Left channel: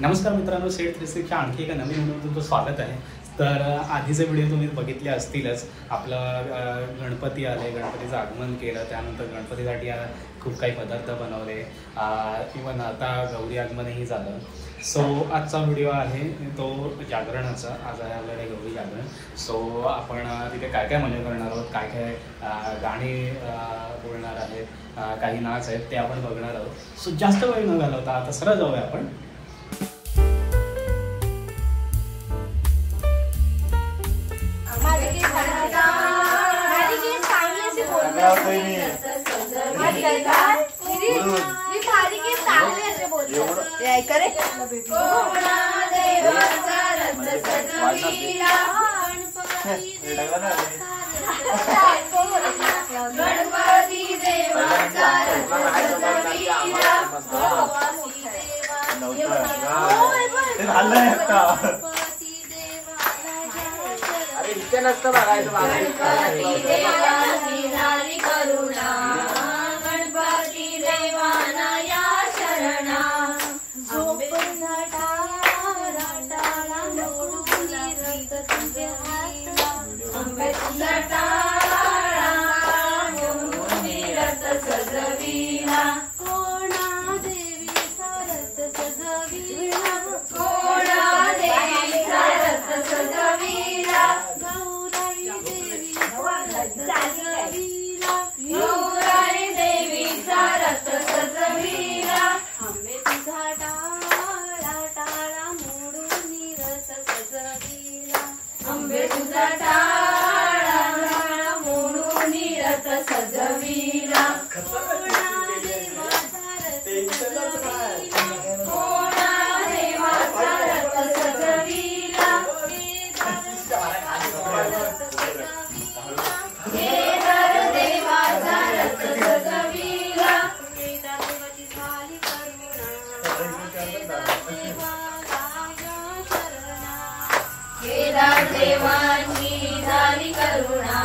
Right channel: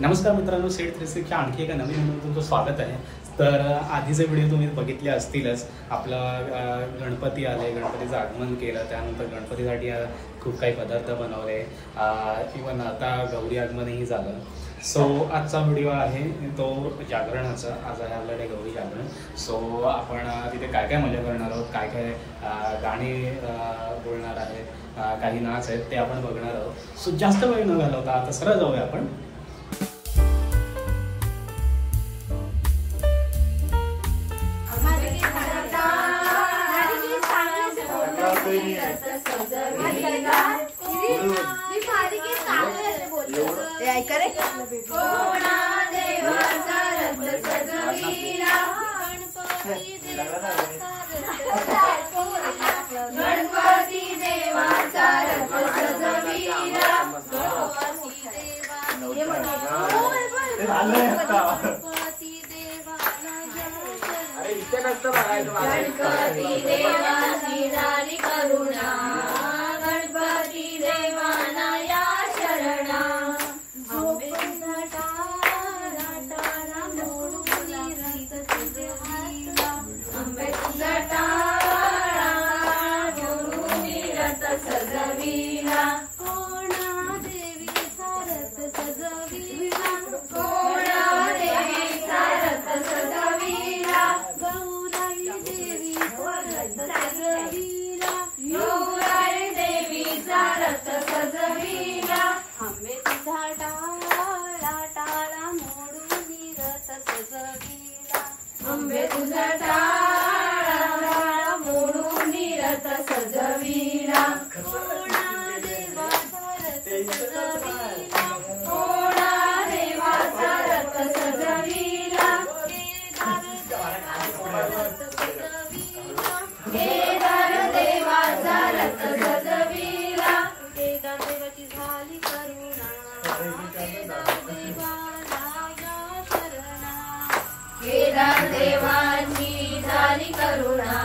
नमस्कार मित्रांनो, सेट 360च्या आणखी एका नवीन व्हिडिओमध्ये तुमचं स्वागत आहे। तर आधीचे व्हिडिओ तुम्ही बघितले असतीलच। आपलं गणपती आले, गणपतीचं आगमन केलं, त्यानंतर गणपतीसाठी खूप काही पदार्थ बनवले, इवन आता गौरी आगमनही झालं। सो आजचा व्हिडिओ आहे तो जागरणाचा। आज आहे आपल्याकडे गौरी जागरण। सो आपण तिथे काय काय मजा करणार आहोत, काय काय गाणी बोलणार आहेत, काही नाच आहेत ते आपण बघणार आहोत। सो जास्त वेळ न घालवता आता सरळ जाऊया आपण। अरे इथे नसतं बघायचं। गणपती देवाची झाली करुणा, गणपती देवाना या शरणा। आंबे तुझा टाळा मोहरुनी रथ सजविला, कोणा देवीचा रथ सजविला, कोणा देवीचा रथ सजविला, गौराई देवीचा रथ सजविला, गौराई देवीचा रथ सजविला। आंबे तुझा टाळा टाळा मोहरुनी रथ सजविला, आंबे तुझा टाळा टाळा मोहरुनी रथ सजविला, कोणा देवाचा रथ सजविला, कोणा देवाचा रथ सजविला, केदार देवाचा रथ सजविला, केदार देवाची झाली करुणा, केदार देवाला या शरणा, केदार देवाची झाली करुणा,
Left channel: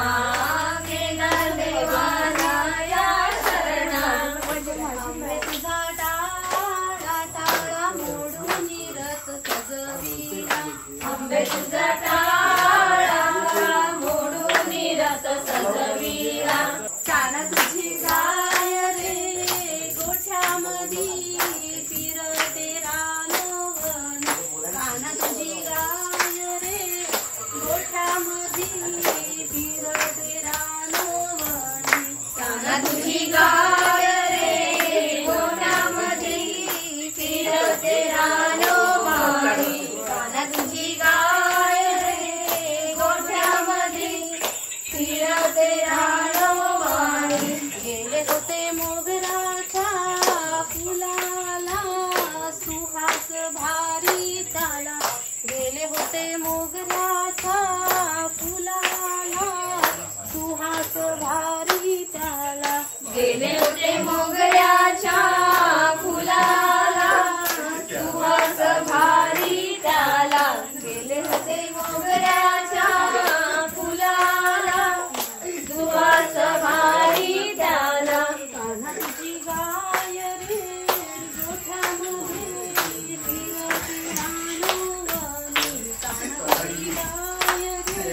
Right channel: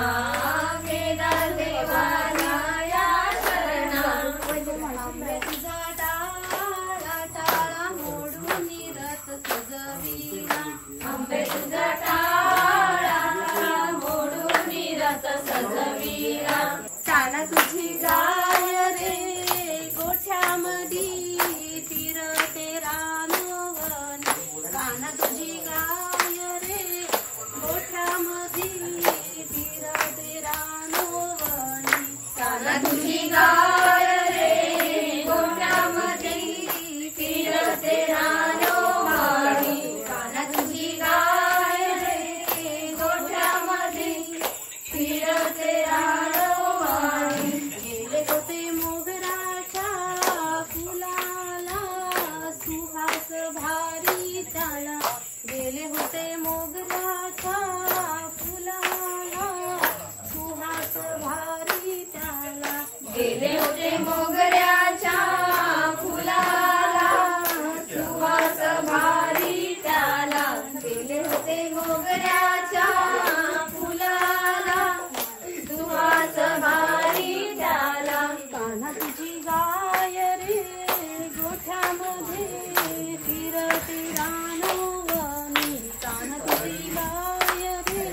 केदार देवाला या शरणा। आंबे तुझा टाळा टाळा मोडूनी रथ सजविला, आंबे तुझा टाळा टाळा मोडूनी रथ सजविला। काना तुझी गाय रे गोठ्यामधी फिरते रानवन, काना तुझी गाय रे गोठ्यामधी फिरते रानवन, काना तुझी गाय रे गोठ्यामधी फिरते रानवन, काना तुझी गाय रे गोठ्यामधी फिरते रानवन। गेले होते मोगराच्या फुलाला सुहास भारी काळा, गेले होते मोगराच्या फुलाला सुहास भारी प्याला, गेले होते मोगऱ्याच्या फुलाला सुहास भारी प्याला, गेले होते मोगऱ्याच्या फुलाला सुहास भारी प्याला। कान्हा तुझी गाय रे गोठ्यामध्ये फिरते रानवनी, कान्हा तुझी गाय रे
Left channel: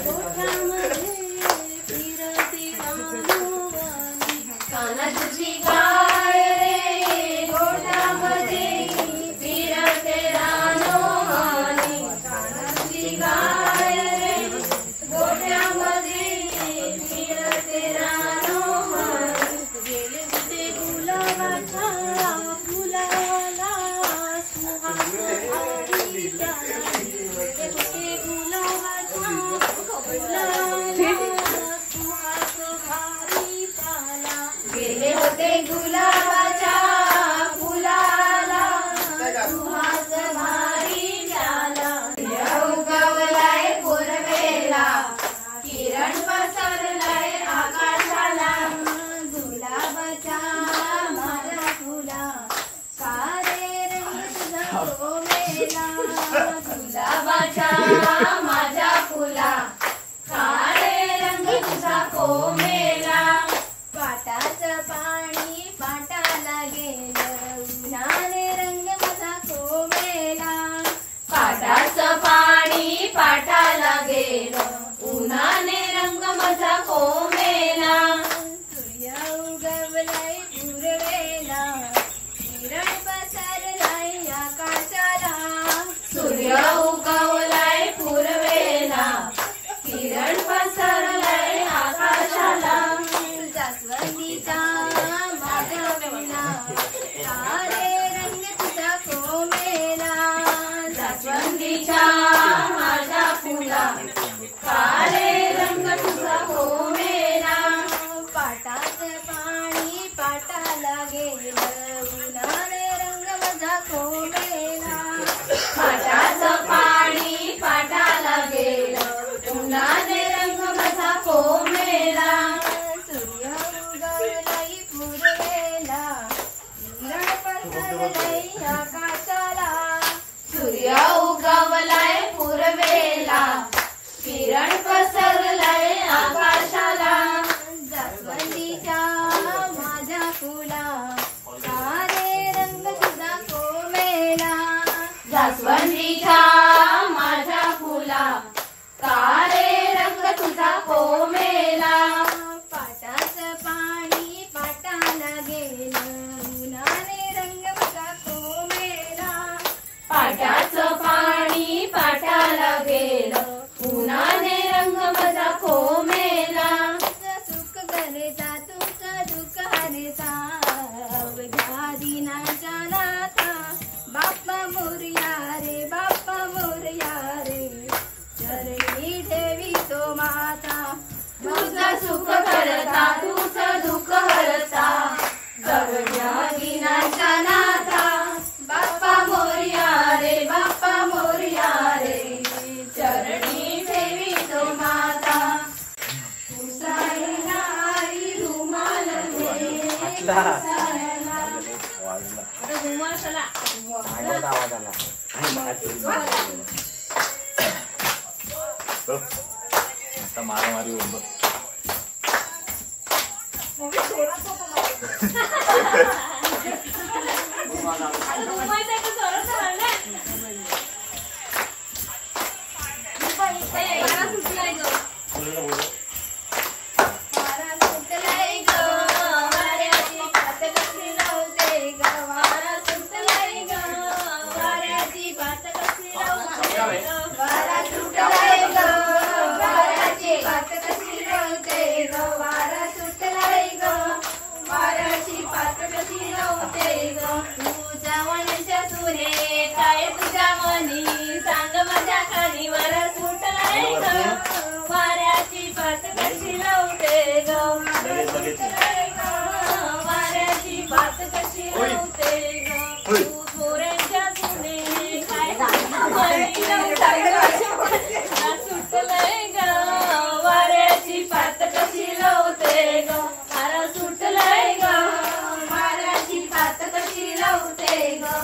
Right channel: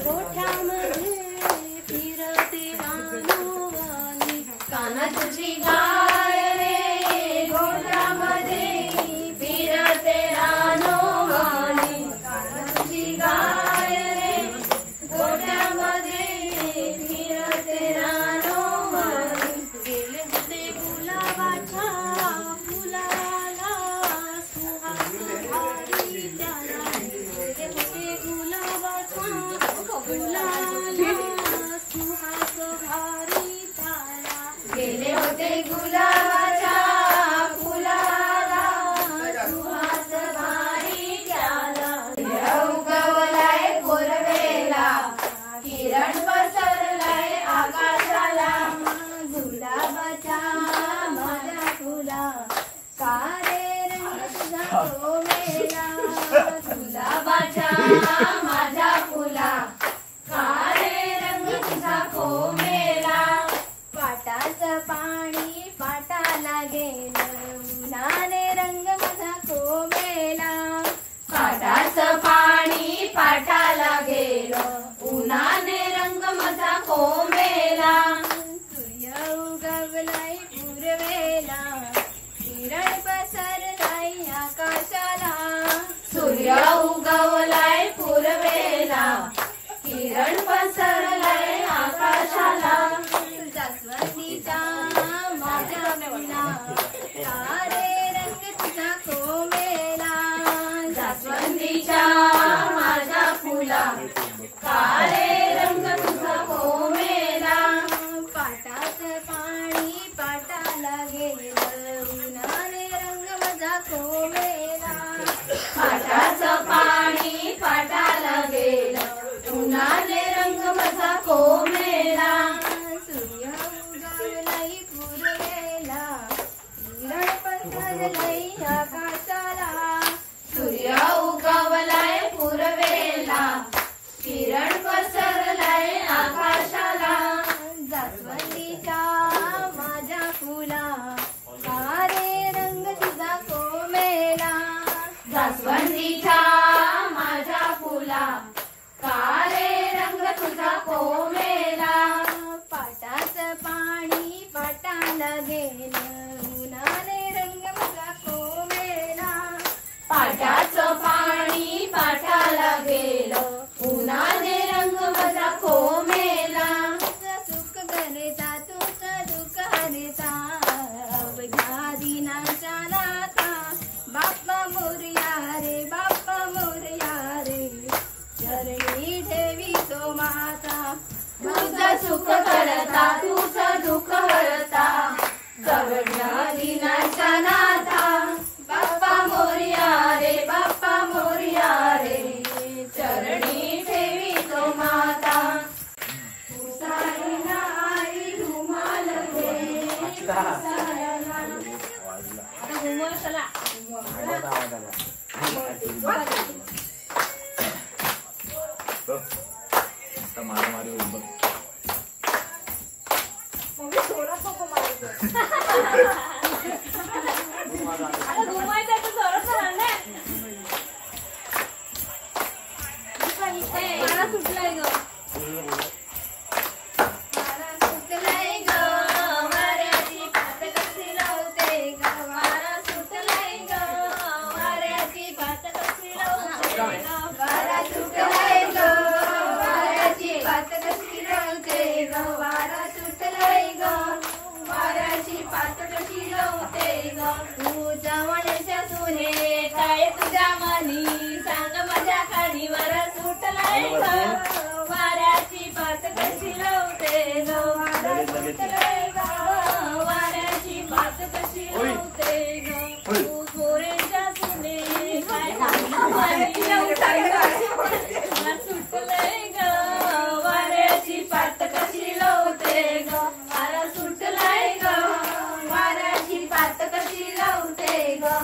गोठ्यामध्ये फिरते रानवनी, कान्हा तुझी गाय रे गोठ्यामध्ये फिरते रानवनी, कान्हा तुझी गाय रे गोठ्यामध्ये फिरते रानवनी। गेले होते गुलाबाच्या फुलाला सुहास भारी प्याला, गेले होते गुलाबाच्या फुलाला सुहास भारी प्याला, गेले होते गुलाबाच्या फुलाला सुहास भारी प्याला। उगवलाय पूर्वेला, किरण पसरलाय आकाशाला, गुलाबाच्या माझा फुला सारे रंग तुझा कोमेला, गुलाबाच्या माझा फुला काळे रंग तुझा कोमेला, पाटाचं पाणी पाटाला गेलं, उन्हाने रंग माझा कोमेला, जास्वंदीच्या माझ्या फुला काळे रंग तुझा कोमेला पाटाचं पाणी पाटाला गेलं उन्हाने रंग माझा कोमेला पाटाचं पाणी पाटाला गेलं उन्हाने रंग माझा कोमेला सूर्य उगवलाय पूर्वेला किरण पसरलंय आकाशाला सूर्य उगवलाय पूर्वेला किरण पसरलाय आकाशाला जास्वंदीच्या माझ्या फुला काळे रंग तुझा कोमेला जास्वंदीच्या माझ्या फुला काळे रंग तुझा कोमेला पाटाचं पाणी पाटाला गेलं उन्हाने रंग माझा कोमेला पाटाचं पाणी पाटाला गेलं उन्हाने रंग माझा कोमेला सुख करता तुझं दुःख हरता अवघ्या दिनाच्या नाथा बाप्पा मोरया रे बाप्पा मोरया रे चरणी ठेवी तो माता तुझं सुख करता तुझं दुःख हरता अवघ्या दिनाच्या नाथा बाप्पा मोरया रे बाप्पा मोरया रे चरणी ठेवी तो माता उसायला आई रुमाल दे उसायला आता घुमवा चला मारामारी होईल बघ. काय तुझ्या मनी सांग माझ्या कानीवर सुटलाय ग वाऱ्याची पात कशी लावते ग वाऱ्याची पात कशी लावते ग तू थोड्यांच्या सुने काय सुटलंय ग वाऱ्याची पात कशी लावते ग वारा सुटलाय ग वाऱ्याची पात कशी लावते ग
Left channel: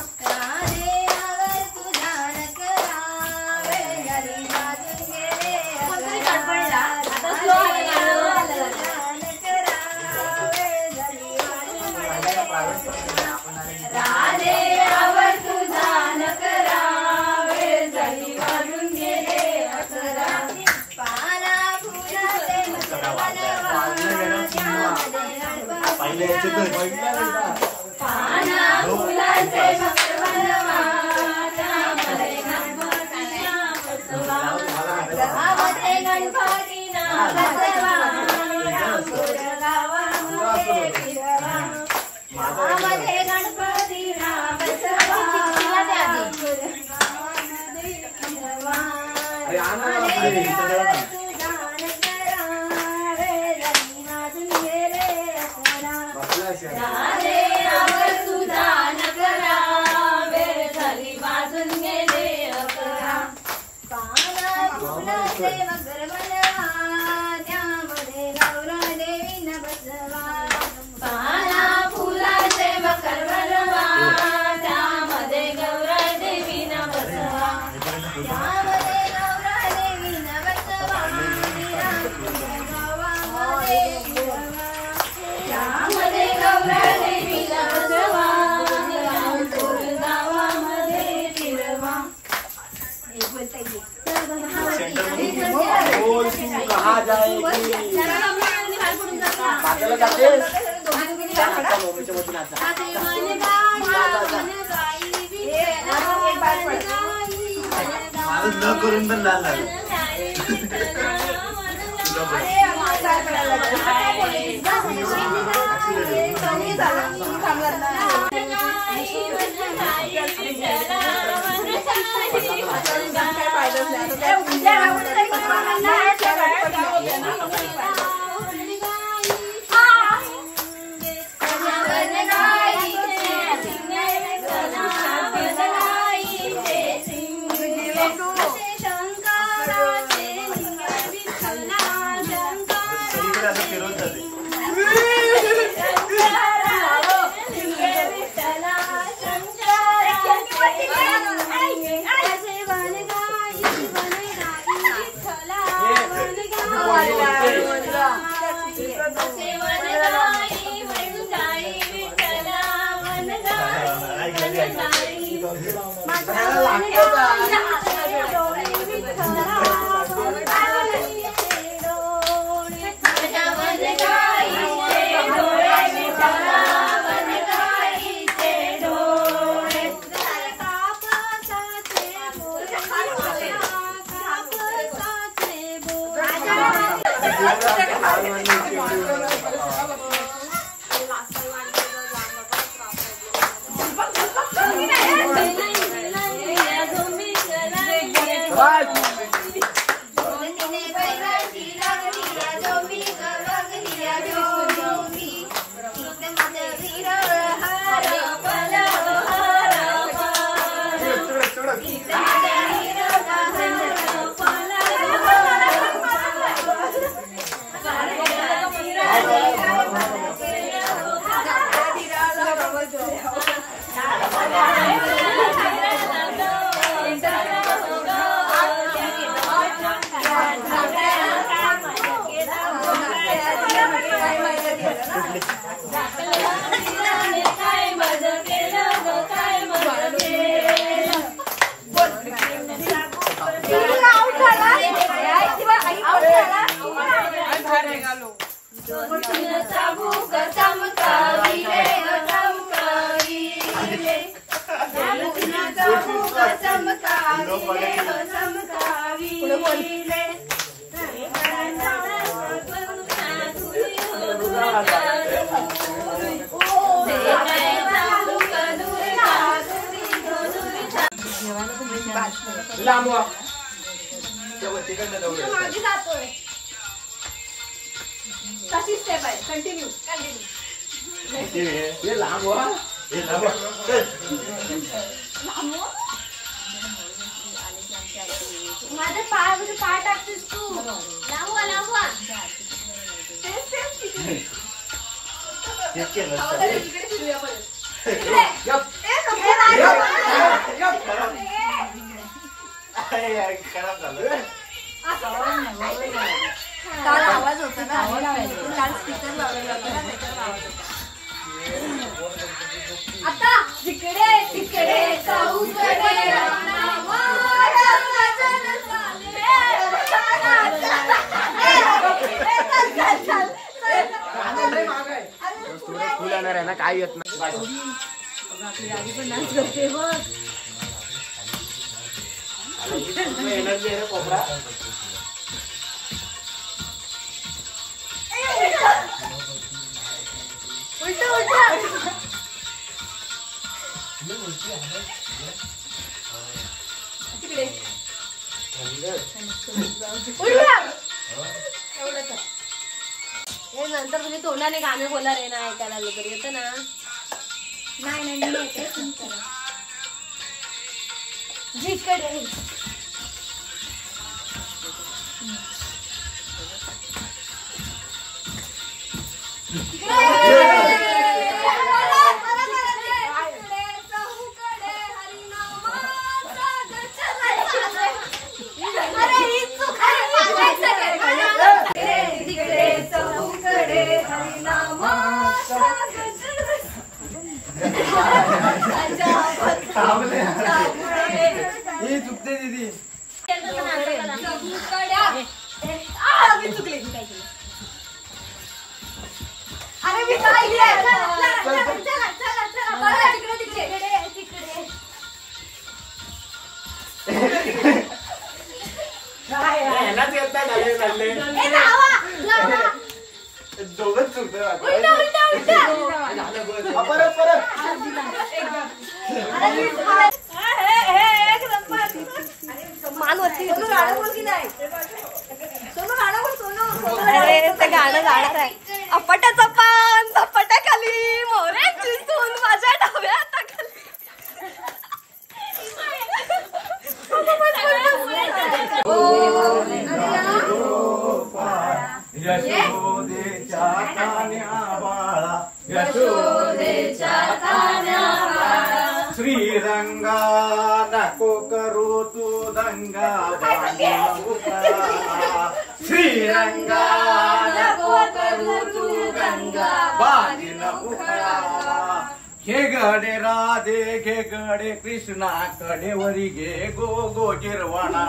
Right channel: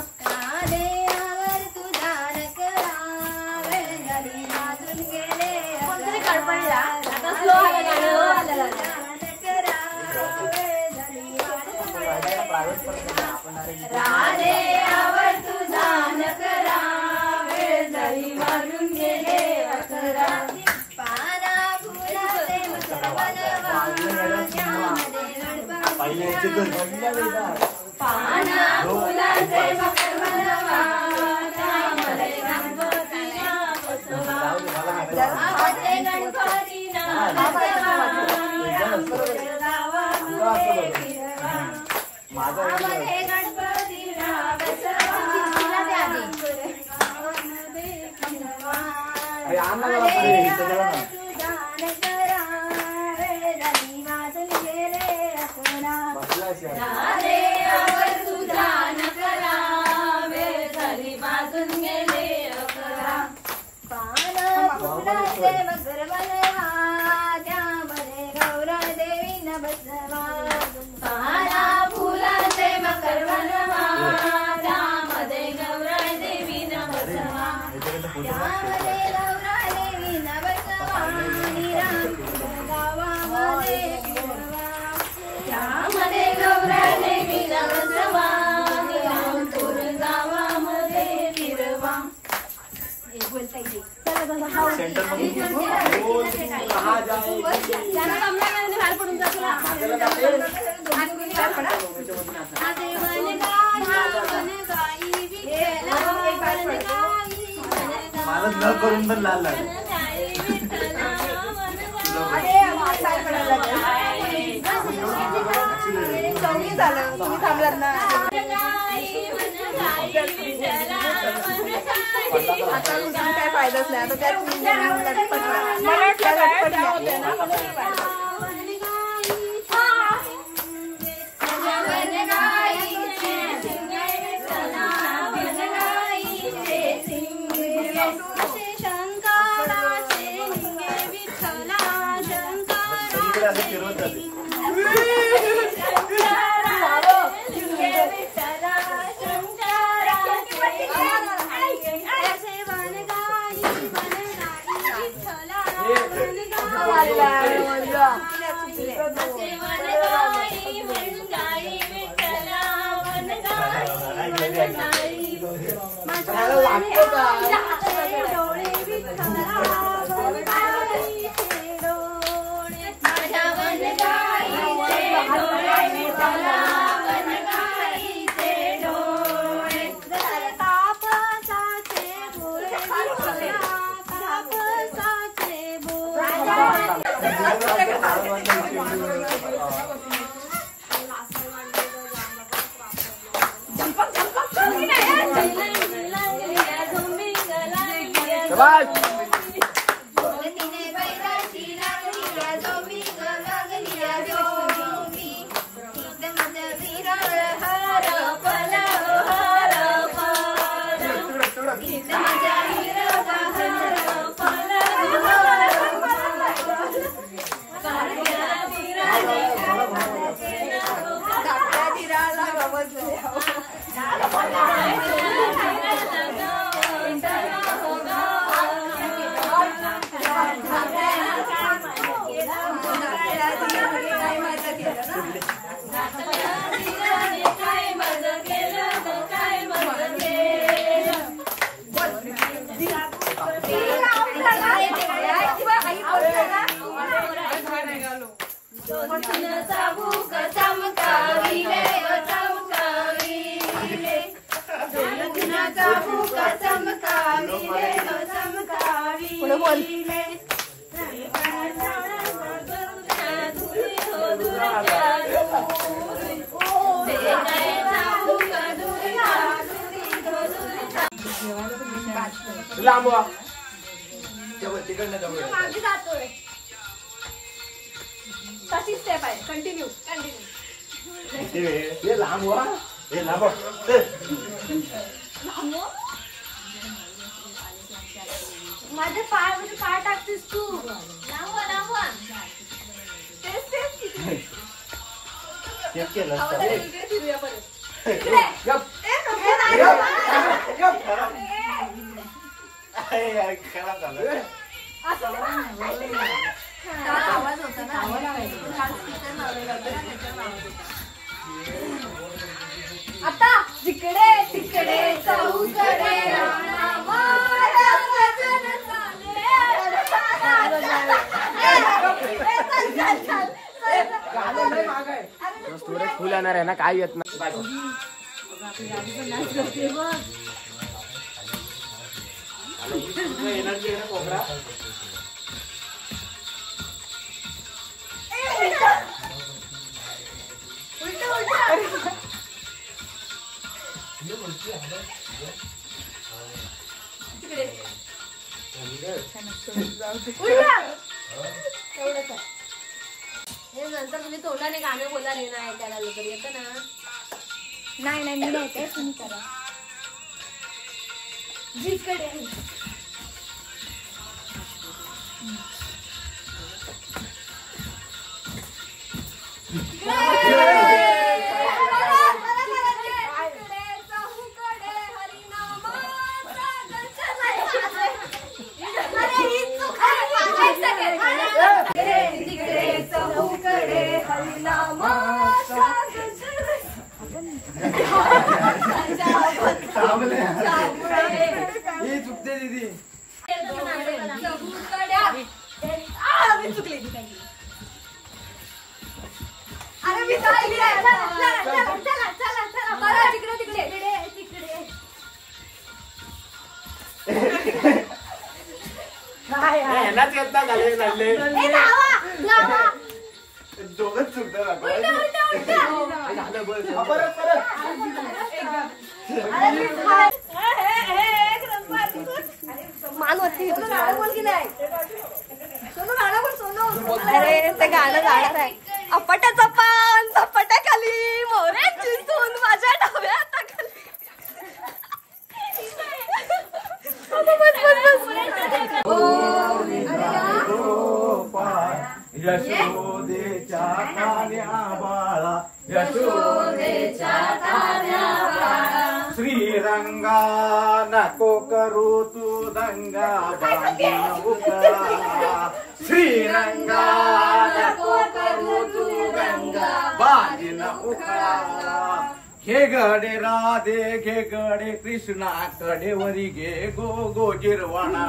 करून पण लाल लागला शंकराचे लिंगे विठ्ठला सगळीकडे असं फिरवत जाते. मागे जातोय कशी स्टेप आहे कंटिन्यू माझे पाय टाकतेस तू लांबवा तेच केलं इकडे फिरूया परत खराब झालं. आता जिकडे तिकडे चौकडे काय येत नाही एनर्जी आहे कोपरा. नंतर तुम्ही तोंडाने गाणं बोला रे ना ऐकायला लवकर येतं ना. नाही मी येते तुम्ही करा जिकडे चुकते दीदी. अरे मी काय तिकडे ह्यालाच येत नाही झाले दोघच चुकतं. परत मानवती अरे ते गाणं जाणार आहे. अपटाचा पान झपाट्याखाली मोऱ्यांची सून माझ्या डाव्या हाताखाली. यशोदेच्या कान्या बाळा यशोदेच्या कान्या बाळा श्रीरंगा नको करू तू दंगा बांधीन उखळा श्रीरंगा नको करू तू गंगा बांधीन उखळा घे गडे राधे घे गडे कृष्णा कडेवरी घे गो गो जिरवणा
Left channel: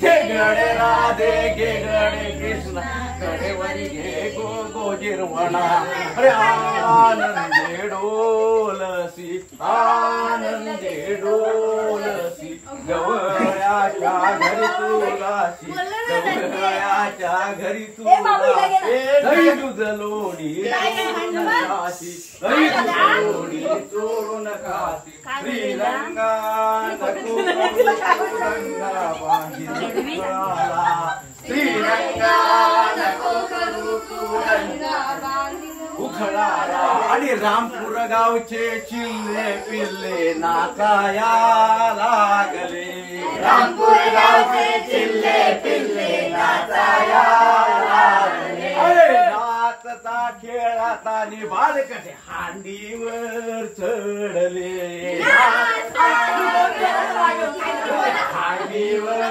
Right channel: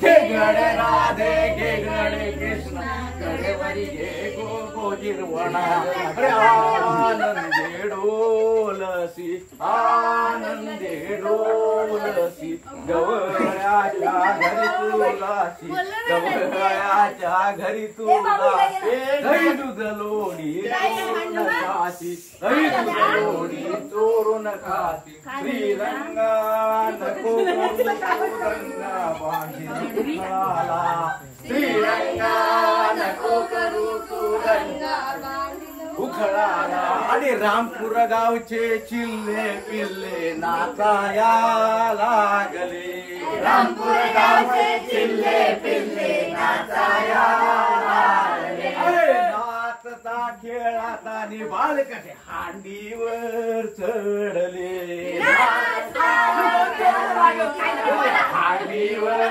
घे गडे राधे घे गडे कृष्णा कडेवरी घे गो गो जिरवणा अरे आनंदे डोलसी आनंदे डोलसी गवळ्याच्या घरी तुलासी गवळ्याच्या घरी तुलासी हरी दूध लोणी हरी दूध लोणी चोरून खाती श्रीरंगा नको गंगा बांधीन श्रीरंगा नको करू तू गंगा उखळाला आणि रामपूर गावचे चिल्ले पिल्ले नाचाया लागले रामपूर गावचे चिल्ले पिल्ले नाचाया लागले अरे नाचता खेळाता आणि बाळकटे हांडीवर चढले हांडीवर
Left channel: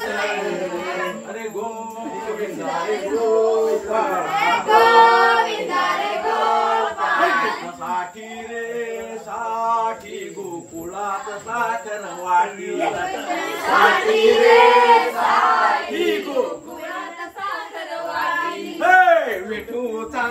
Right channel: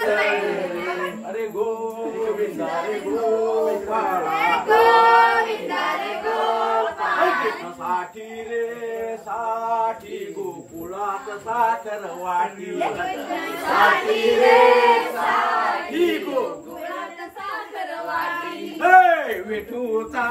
चढले अरे गोविंदा रे गोविंदा साठी रे साठी गोकुळात साखर वाटी साठी रे साठी गोकुळात साखर वाटी विठूचा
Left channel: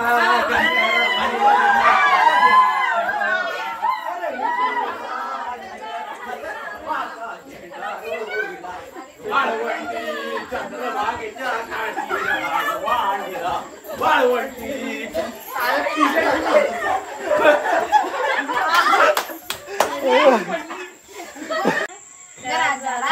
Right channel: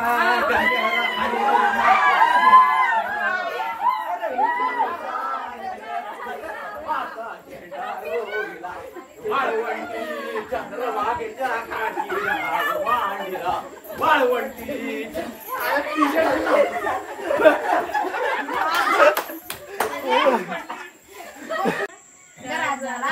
वाळवंटी चंद्रभागेच्या खाली वाळवांडीला वाळवंटी जरा